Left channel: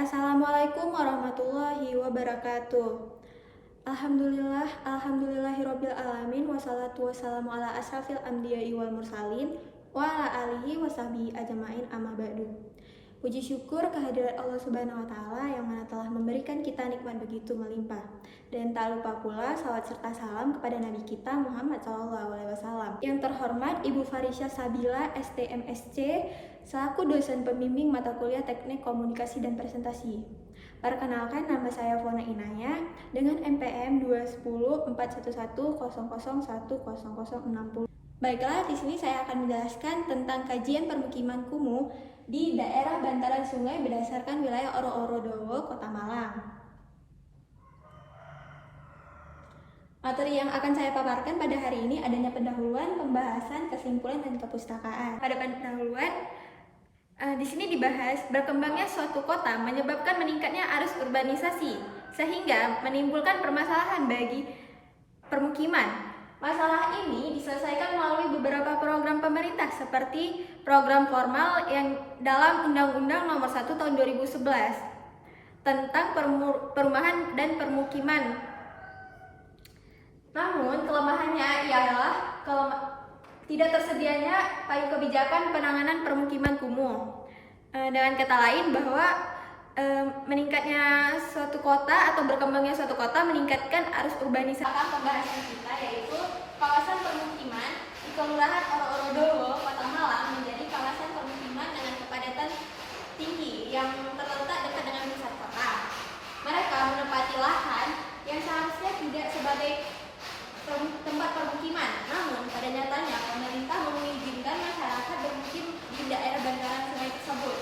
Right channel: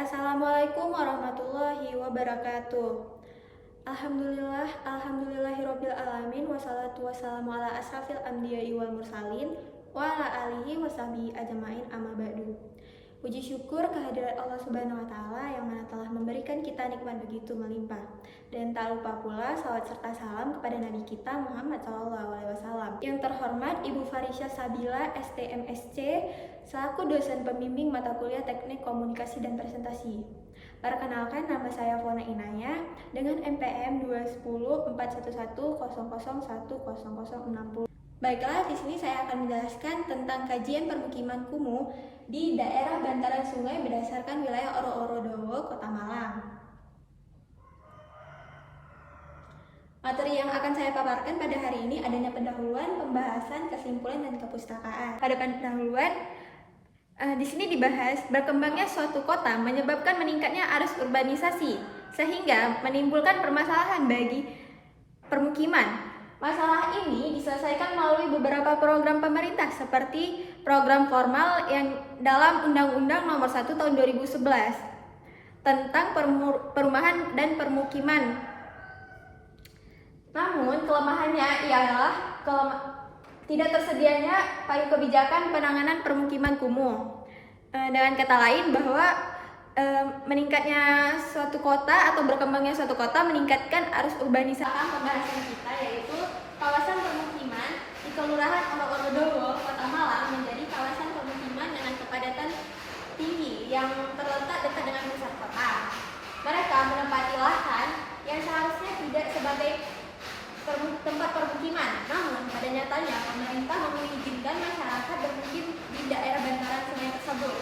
Assalamualaikum warahmatullahi wabarakatuh. Alhamdulillahirabbil alamin wassalatu wassalamu ala asrafil anbiya'i wal mursalin wa ala alihi washabihi ajmain amma ba'du. Puji syukur kehadirat Allah Subhanahu wa taala yang mana telah memberikan kita nikmat begitu melimpah. Dan tak lupa pula salawat serta salam kepada Nabi kita Muhammad SAW. Yang terhormat Ibu Farisya Sabila STMSC selaku dosen pembimbing mata kuliah Teknik Komunikasi dan Presentasi. Perkenalkan, nama saya Fona Inaya dengan NPM 2104110010060. Baiklah, di sini saya akan menjelaskan tentang kajian permukiman kumuh di daerah bantaran sungai berdasarkan wilayah Oro-Oro-Dowo, Kota Malang. Materi yang akan saya paparkan pada hari ini adanya pendahuluan, pembahasan, kesimpulan, dan kepustakaan. Pada pendahuluan, di sini dibahas berkembangnya suatu kota menyebabkan meningkatnya arus urbanisasi sehingga menimbulkan permasalahan bagi permukiman. Masalah ini diselesaikan melalui beberapa program pemerintah seperti program formal yang dalam Undang-Undang Nomor 1 Tahun 2011 tentang perumahan dan permukiman. Namun kelemahannya ialah tidak tersedianya payung kebijakan penanganan permukiman kumuh. Dengan kata lain bahwa meningkatnya suatu kota atau berkembangnya suatu kota meningkatkan arus urbanisasi. Pembahasan kita yaitu kawasan permukiman di Kelurahan Oro-Oro-Dowo, Kota Malang menjadi kawasan permukiman dengan kepadatan tinggi yang terletak dekat dengan pusat kota. Mereka menempati lahan yang seharusnya tidak sebagai tempat permukiman, namun pada nyatanya pemerintah mengizinkan masyarakat bermukim di daerah bantaran sungai tersebut,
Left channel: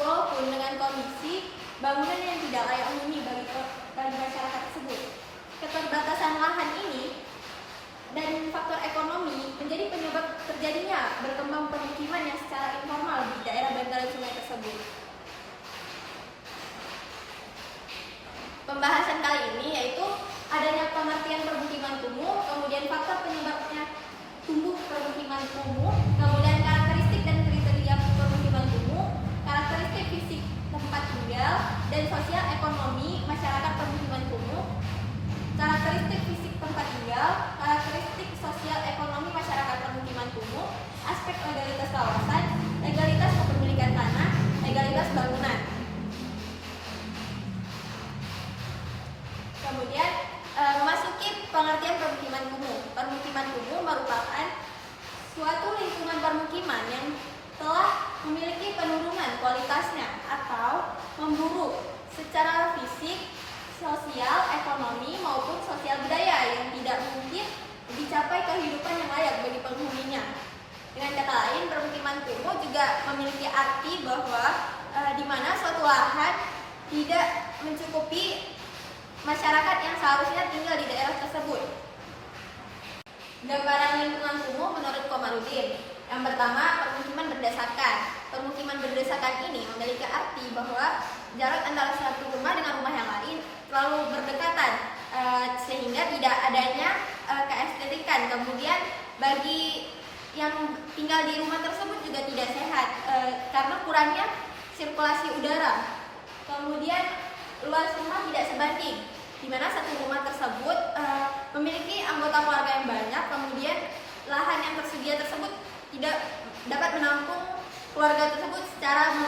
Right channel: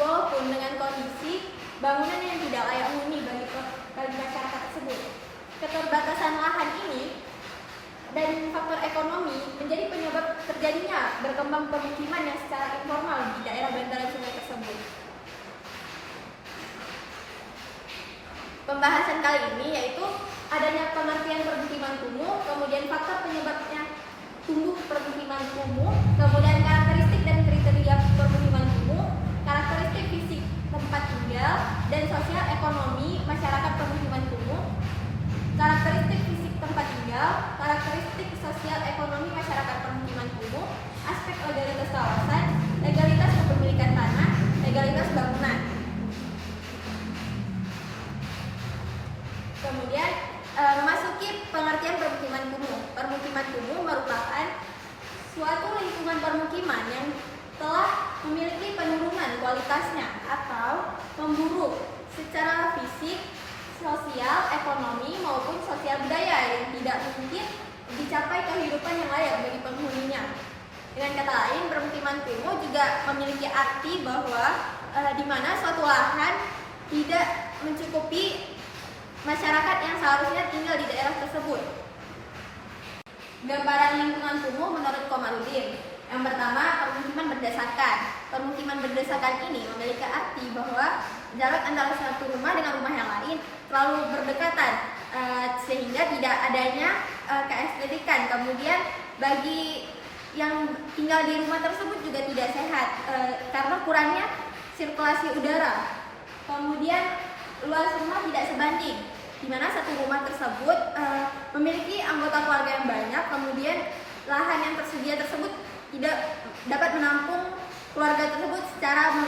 walaupun dengan kondisi bangunan yang tidak layak huni bagi masyarakat tersebut. Keterbatasan lahan ini dan faktor ekonomi menjadi penyebab terjadinya berkembang permukiman yang secara informal di daerah bantaran sungai tersebut. Pembahasan kali ini yaitu adanya pengertian permukiman kumuh, kemudian faktor penyebabnya tumbuh permukiman kumuh, kemudian karakteristik dan kriteria permukiman kumuh, karakteristik fisik tempat tinggal dan sosial ekonomi masyarakat permukiman kumuh, karakteristik fisik tempat tinggal, karakteristik sosial ekonomi masyarakat permukiman kumuh, aspek legalitas kawasan, legalitas kepemilikan tanah, legalitas bangunan. Kemudian memasuki pengertian permukiman kumuh. Permukiman kumuh merupakan suatu lingkungan permukiman yang telah memiliki penurunan kualitasnya atau memburuk secara fisik, sosial, ekonomi maupun sosial budaya yang tidak mungkin dicapai kehidupan yang layak bagi penghuninya. Dengan kata lain, permukiman kumuh juga memiliki arti bahwa di mana suatu lahan tidak mencukupi masyarakat yang seharusnya tinggal di daerah tersebut. Gambaran lingkungan kumuh menurut Komarudin. Yang pertama, permukiman berdesakan. Permukiman berdesakan ini memiliki arti bahwa jarak antara satu rumah dengan rumah yang lain terlalu berdekatan sehingga tidak adanya keestetikan. Kemudian bagi yang tinggal di rumah tersebut juga tidak sehat karena kurangnya sirkulasi udara. Kemudian luas rumah tidak sebanding, di mana satu rumah tersebut memiliki anggota keluarga yang banyak, kemudian lahan yang tersedia tersebut tidak dapat menampung keluarga tersebut secara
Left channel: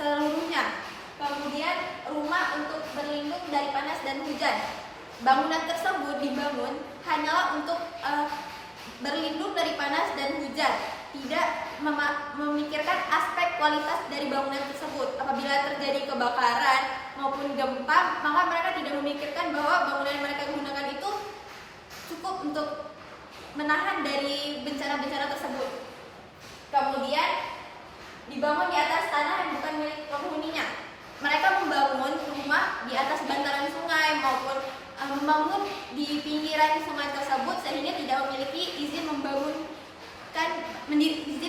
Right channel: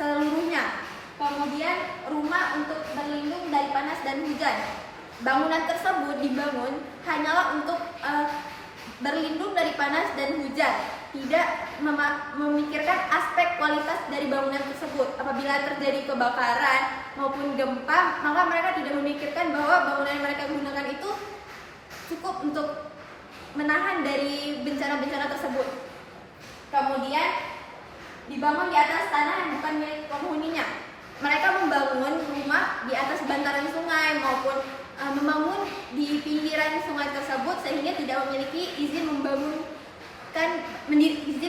seluruhnya. Kemudian rumah untuk berlindung dari panas dan hujan. Bangunan tersebut dibangun hanyalah untuk berlindung dari panas dan hujan, tidak memikirkan aspek kualitas dari bangunan tersebut. Apabila terjadi kebakaran maupun gempa, maka mereka tidak memikirkan bahwa bangunan yang mereka gunakan itu cukup untuk menahan dari bencana-bencana tersebut. Kemudian dibangun di atas tanah yang bukan milik penghuninya. Mereka membangun rumah di atas bantaran sungai maupun membangun di pinggiran sungai tersebut sehingga tidak memiliki izin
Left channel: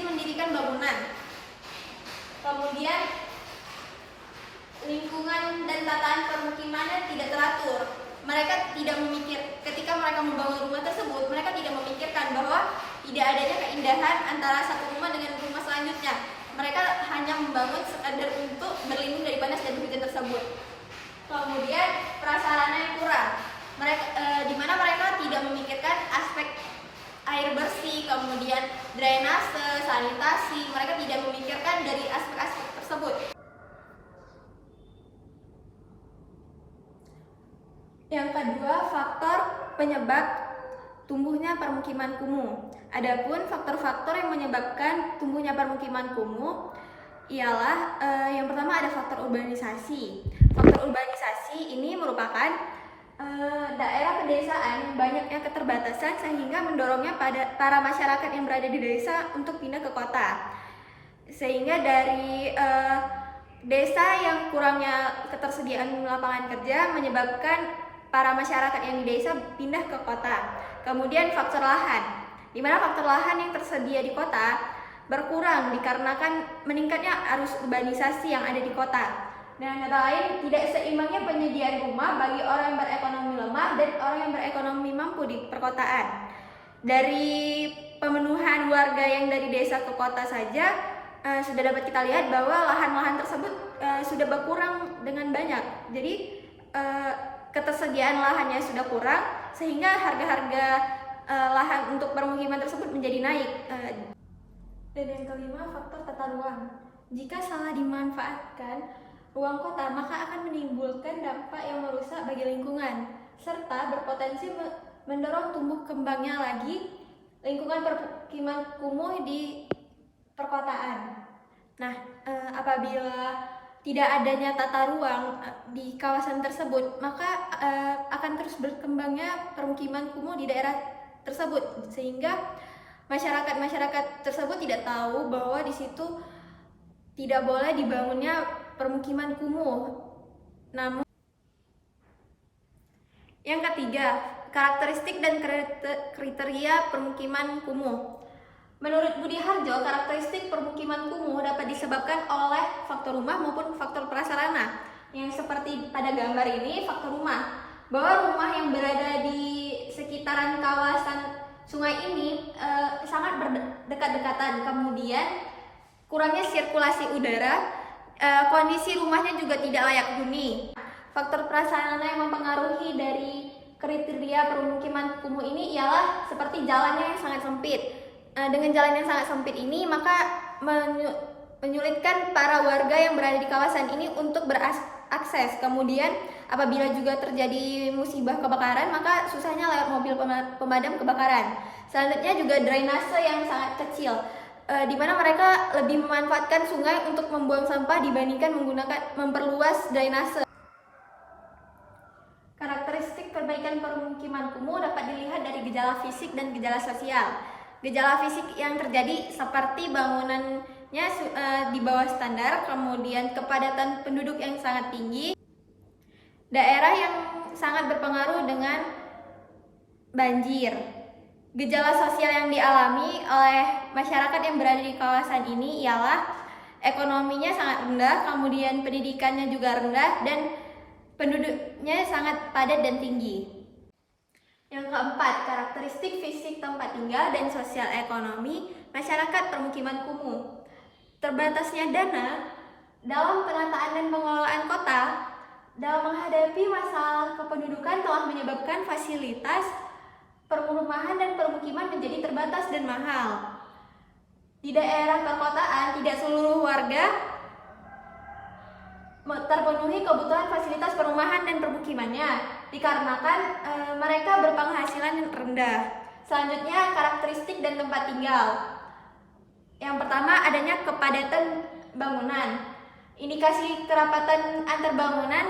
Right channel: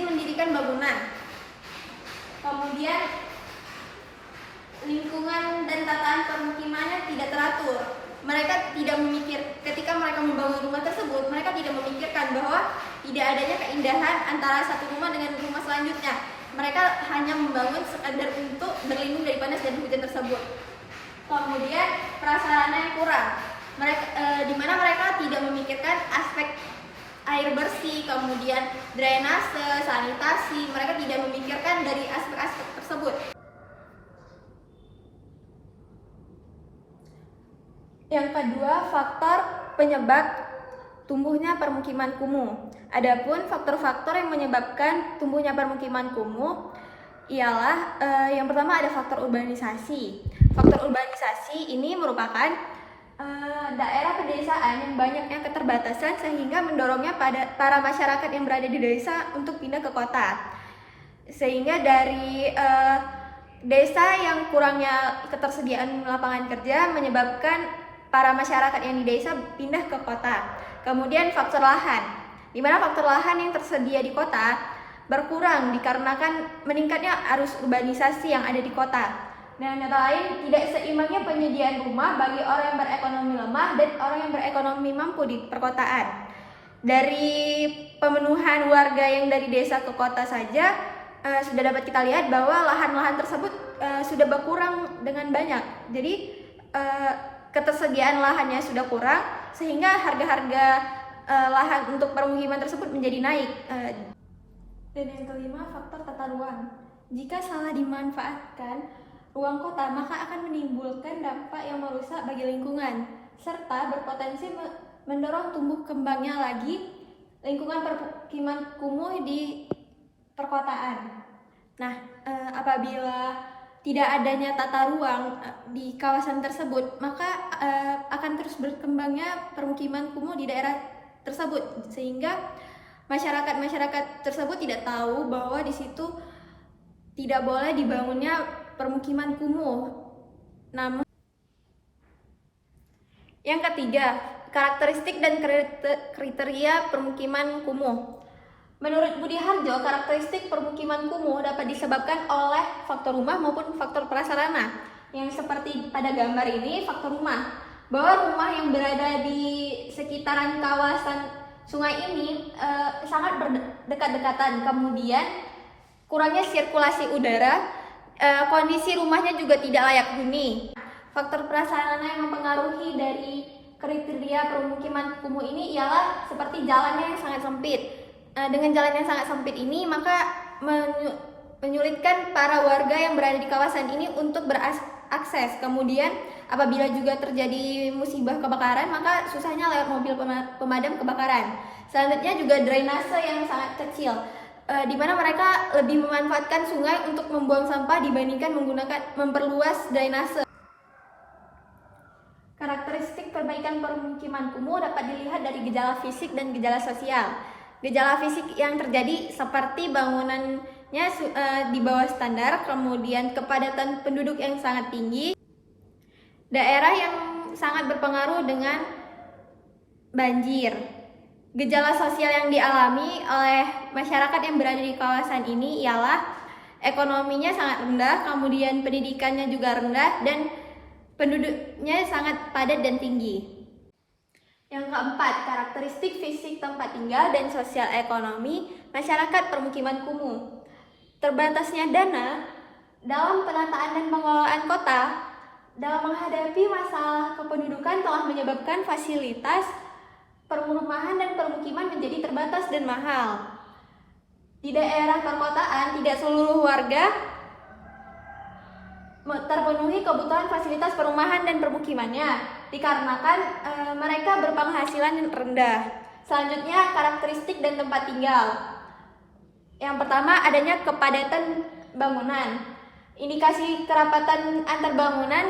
mendirikan bangunan. Kemudian lingkungan dan tataan permukimannya tidak teratur. Mereka tidak ketika mereka membangun rumah tersebut, mereka tidak memikirkan bahwa tidak adanya keindahan antara satu rumah dengan rumah selanjutnya. Mereka hanya membangun sekadar untuk berlindung dari panas dan hujan tersebut. Kemudian prasarana yang kurang, di mana mereka tidak memikirkan aspek air bersih, kemudian drainase, sanitasi. Mereka tidak memikirkan dari aspek-aspek tersebut. Yang kedua, faktor penyebab tumbuhnya permukiman kumuh. Adapun faktor-faktor yang menyebabkan tumbuhnya permukiman kumuh ialah yang pertama ada faktor urbanisasi. Faktor urbanisasi ini merupakan daerah pedesaan yang banyaknya keterbatasan sehingga mendorongnya para masyarakat yang berada di desa untuk pindah ke kota. Sehingga dari desa yang kurangnya ketersediaan lapangan kerja menyebabkan para masyarakat yang di desa pindah ke kota. Kemudian faktor lahan, di mana faktor lahan yang tersedia di kota berkurang dikarenakan meningkatnya arus urbanisasi yang ada di kota. Dengan kata lain, tidak seimbangnya penyediaan rumah bagi orang yang berekonomi lemah dan orang yang berekonomi mampu di perkotaan. Dari pemenuhan warga yang dari desa ke kota saja sudah dapat kita lihat bahwa lahan-lahan tersebut sudah berkurang dengan banyak. Jadi ketersediaan lahannya sudah kurang sehingga harga-harga lahan untuk permukiman tersebut menjadi naik. Dan yang kelima, faktor tata ruang. Jika salah dimanfaatkan ruang kota, maka akan menimbulkan dampak yang merusak bagi lingkungan serta berpotensi mendorong tumbuh kembangnya lagi lingkungan permukiman kumuh di perkotaan. Nah, apabila tidak adanya tata ruang di kawasan tersebut, maka akan terus berkembangnya permukiman kumuh di daerah tersebut, sehingga masyarakat tersebut tidak tahu bahwa di situ tidak boleh dibangunnya permukiman kumuh. Namun, yang ketiga, karakteristik dan kriteria permukiman kumuh. Menurut Budi Harjo, karakteristik permukiman kumuh dapat disebabkan oleh faktor rumah maupun faktor prasarana. Yang seperti pada gambar ini, faktor rumah. Bahwa rumah yang berada di sekitaran kawasan sungai ini sangat berdekat-dekatan. Kemudian kurangnya sirkulasi udara, kondisi rumahnya juga tidak layak huni. Faktor prasarana yang mempengaruhi dari kriteria permukiman kumuh ini ialah seperti jalannya yang sangat sempit. Dengan jalan yang sangat sempit ini, maka menyulitkan para warga yang berada di kawasan ini untuk berakses. Kemudian apabila juga terjadi musibah kebakaran, maka susahnya lewat mobil pemadam kebakaran. Selanjutnya juga drainase yang sangat kecil, di mana mereka lebih memanfaatkan sungai untuk membuang sampah dibandingkan memperluas drainase. Karakteristik perbaikan permukiman kumuh dapat dilihat dari gejala fisik dan gejala sosial. Gejala fisik yang terjadi seperti bangunannya di bawah standar, kemudian kepadatan penduduk yang sangat tinggi, daerah yang sangat berpengaruh dengan banjir. Gejala sosial yang dialami oleh masyarakat yang berada di kawasan ini ialah ekonominya sangat rendah, kemudian pendidikannya juga rendah, dan penduduknya sangat padat dan tinggi. Yang keempat, karakteristik fisik tempat tinggal dan sosial ekonomi masyarakat permukiman kumuh. Terbatasnya dana dalam penataan dan pengelolaan kota dalam menghadapi masalah kependudukan telah menyebabkan fasilitas perumahan dan permukiman menjadi terbatas dan mahal. Di daerah perkotaan, tidak seluruh warga terpenuhi kebutuhan fasilitas perumahan dan permukimannya dikarenakan mereka berpenghasilan rendah. Selanjutnya, karakteristik dan tempat tinggal. Yang pertama, adanya kepadatan bangunan. Indikasi kerapatan antar bangunan,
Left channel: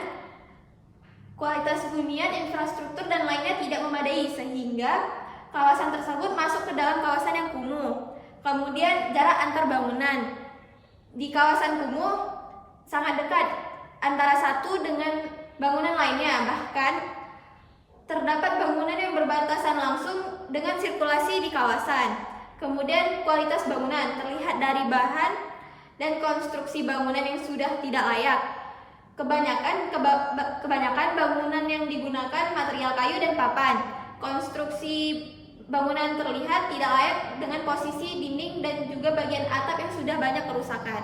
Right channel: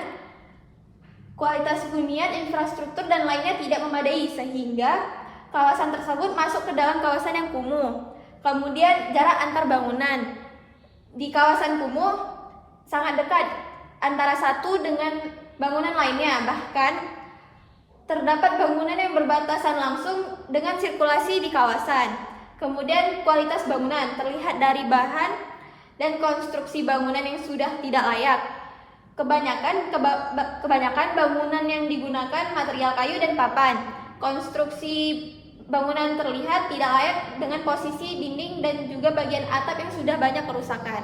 kualitas hunian, infrastruktur, dan lainnya tidak memadai sehingga kawasan tersebut masuk ke dalam kawasan yang kumuh. Kemudian, jarak antar bangunan. Di kawasan kumuh sangat dekat antara satu dengan bangunan lainnya, bahkan terdapat bangunan yang berbatasan langsung dengan sirkulasi di kawasan. Kemudian kualitas bangunan terlihat dari bahan dan konstruksi bangunan yang sudah tidak layak. Kebanyakan bangunan yang digunakan material kayu dan papan. Konstruksi bangunan terlihat tidak layak dengan posisi dinding dan juga bagian atap yang sudah banyak kerusakan.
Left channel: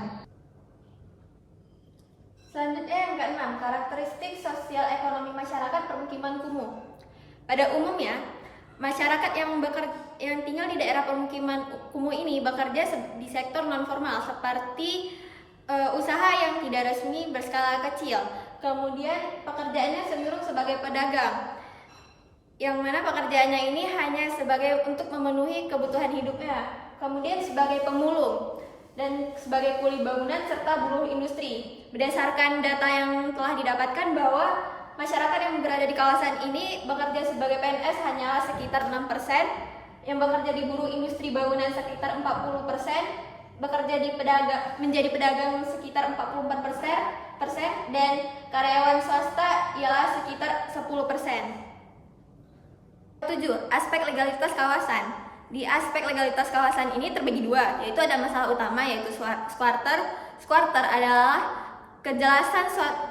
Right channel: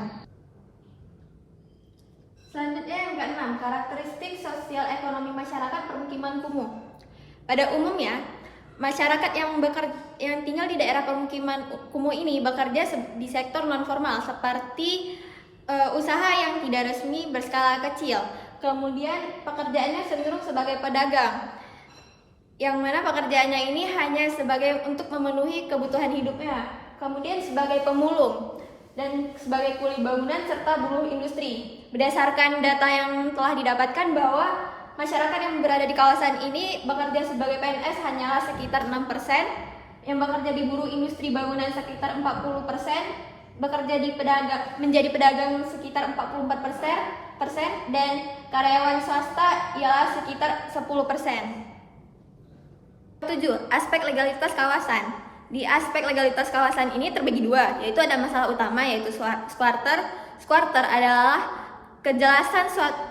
Selanjutnya yang keenam, karakteristik sosial ekonomi masyarakat permukiman kumuh. Pada umumnya, masyarakat yang tinggal di daerah permukiman kumuh ini bekerja di sektor non-formal seperti usaha yang tidak resmi berskala kecil. Kemudian pekerjaannya cenderung sebagai pedagang, yang mana pekerjaannya ini hanya sebagai untuk memenuhi kebutuhan hidupnya. Kemudian sebagai pemulung dan sebagai kuli bangunan serta buruh industri. Berdasarkan data yang telah didapatkan bahwa masyarakat yang berada di kawasan ini bekerja sebagai PNS hanyalah sekitar 6%, yang bekerja di buruh industri bangunan sekitar 40%, bekerja menjadi pedagang sekitar 44%, dan karyawan swasta ialah sekitar 10%. 7. Aspek legalitas kawasan. Di aspek legalitas kawasan ini terbagi dua, yaitu ada masalah utama yaitu squatter. Squatter adalah kejelasan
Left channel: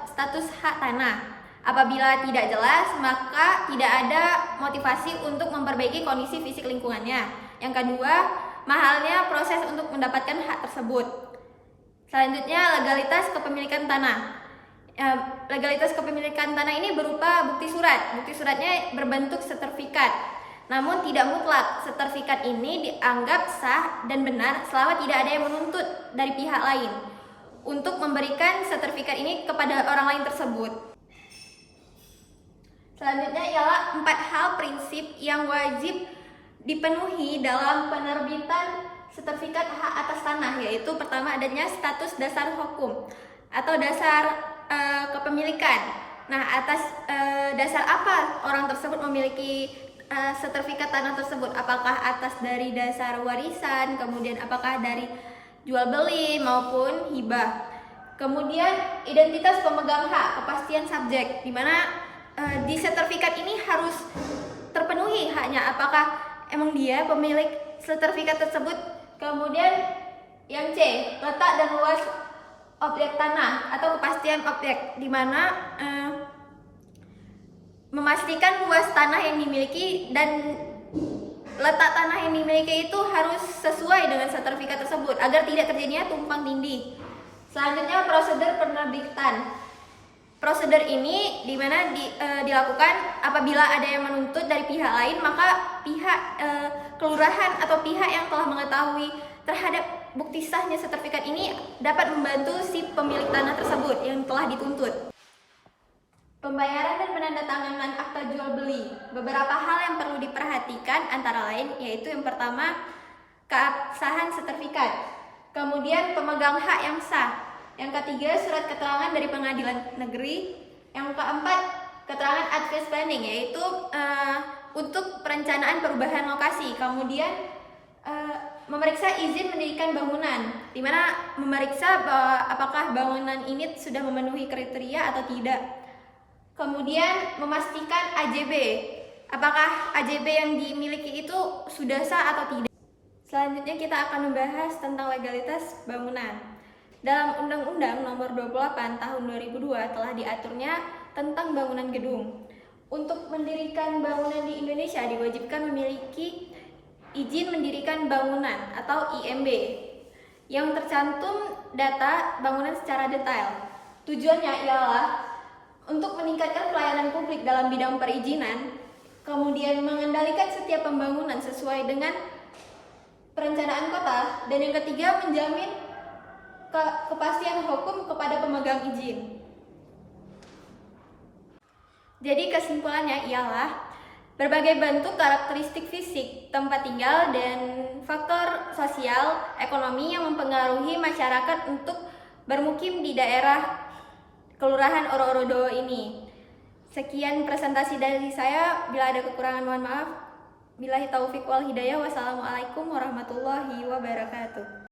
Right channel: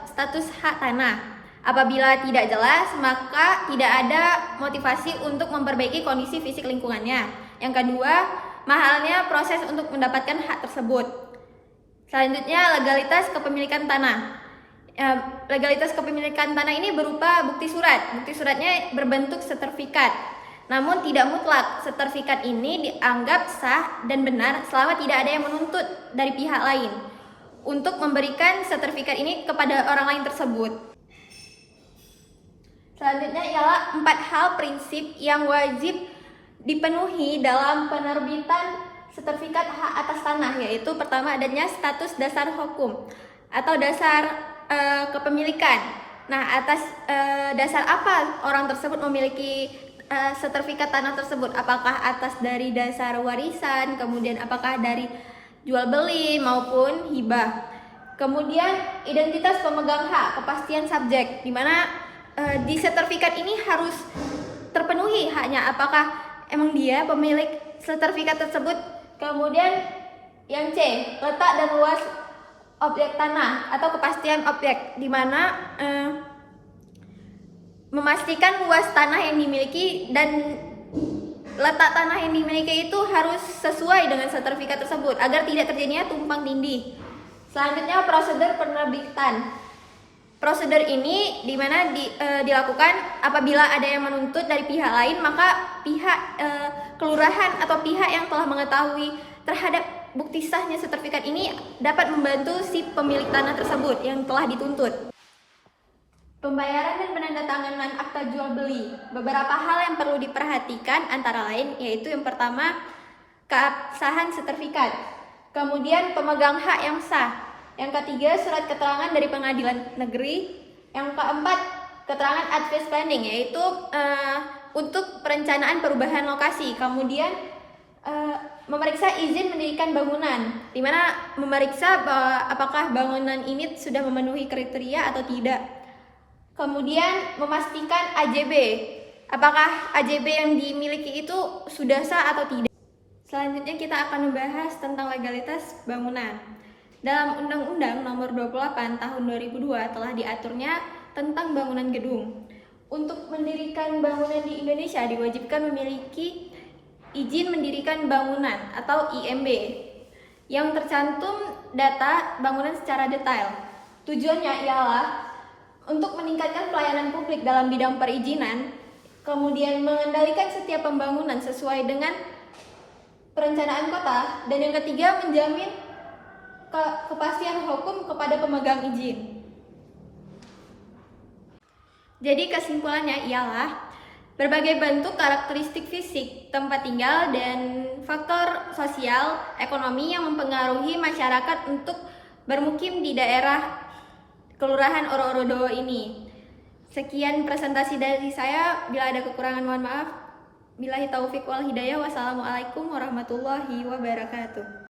status hak tanah. Apabila tidak jelas, maka tidak ada motivasi untuk memperbaiki kondisi fisik lingkungannya. Yang kedua, mahalnya proses untuk mendapatkan hak tersebut. Selanjutnya, legalitas kepemilikan tanah. Legalitas kepemilikan tanah ini berupa bukti surat. Bukti suratnya berbentuk sertifikat. Namun tidak mutlak. Sertifikat ini dianggap sah dan benar selama tidak ada yang menuntut dari pihak lain untuk memberikan sertifikat ini kepada orang lain tersebut. Selanjutnya ialah 4 hal prinsip yang wajib dipenuhi dalam penerbitan sertifikat hak atas tanah, yaitu pertama adanya status dasar hukum atau dasar kepemilikan. Nah, atas dasar apa orang tersebut memiliki sertifikat tanah tersebut? Apakah atas dari dasar warisan, kemudian apakah dari jual beli maupun hibah. Kemudian identitas pemegang hak, kepastian subjek, di mana di sertifikat ini harus terpenuhi haknya, apakah emang dia pemilik sertifikat tersebut. Kemudian yang C, letak dan luas objek tanah atau kepastian objek, di mana memastikan luas tanah yang dimiliki dan letak tanah yang dimiliki itu harus sesuai dengan sertifikat tersebut agar tidak terjadinya tumpang tindih. Selanjutnya prosedur penerbitan. Prosedur ini dimana dilakukan apabila ada yang menuntut dari pihak lain, maka pihak kelurahan atau pihak yang telah mengetahui terhadap bukti sahnya sertifikat ini dapat membantu si pemilik tanah tersebut yang telah dituntut. Pembayaran dan penandatanganan akta jual beli. Beberapa hal yang perlu diperhatikan antara lain yaitu yang pertama, keabsahan sertifikat. Kemudian pemegang hak yang sah. Yang ketiga, surat keterangan dari pengadilan negeri. Yang keempat, keterangan advance planning, yaitu untuk perencanaan perubahan lokasi. Kemudian memeriksa izin mendirikan bangunan, di mana memeriksa apakah bangunan ini sudah memenuhi kriteria atau tidak. Kemudian memastikan AJB, apakah AJB yang dimiliki itu sudah sah atau tidak. Selanjutnya kita akan membahas tentang legalitas bangunan. Dalam Undang-Undang Nomor 28 Tahun 2002 telah diaturnya tentang bangunan gedung. Untuk mendirikan bangunan di Indonesia diwajibkan memiliki izin mendirikan bangunan atau IMB yang tercantum data bangunan secara detail. Tujuannya ialah untuk meningkatkan pelayanan publik dalam bidang perizinan, kemudian mengendalikan setiap pembangunan sesuai dengan perencanaan kota, dan yang ketiga menjamin kepastian hukum kepada pemegang izin. Jadi kesimpulannya ialah berbagai bentuk karakteristik fisik, tempat tinggal, dan faktor sosial ekonomi yang mempengaruhi masyarakat untuk bermukim di daerah Kelurahan Oro-Odo ini. Sekian presentasi dari saya. Bila ada kekurangan mohon maaf. Billahi taufik wal hidayah. Wassalamualaikum warahmatullahi wabarakatuh.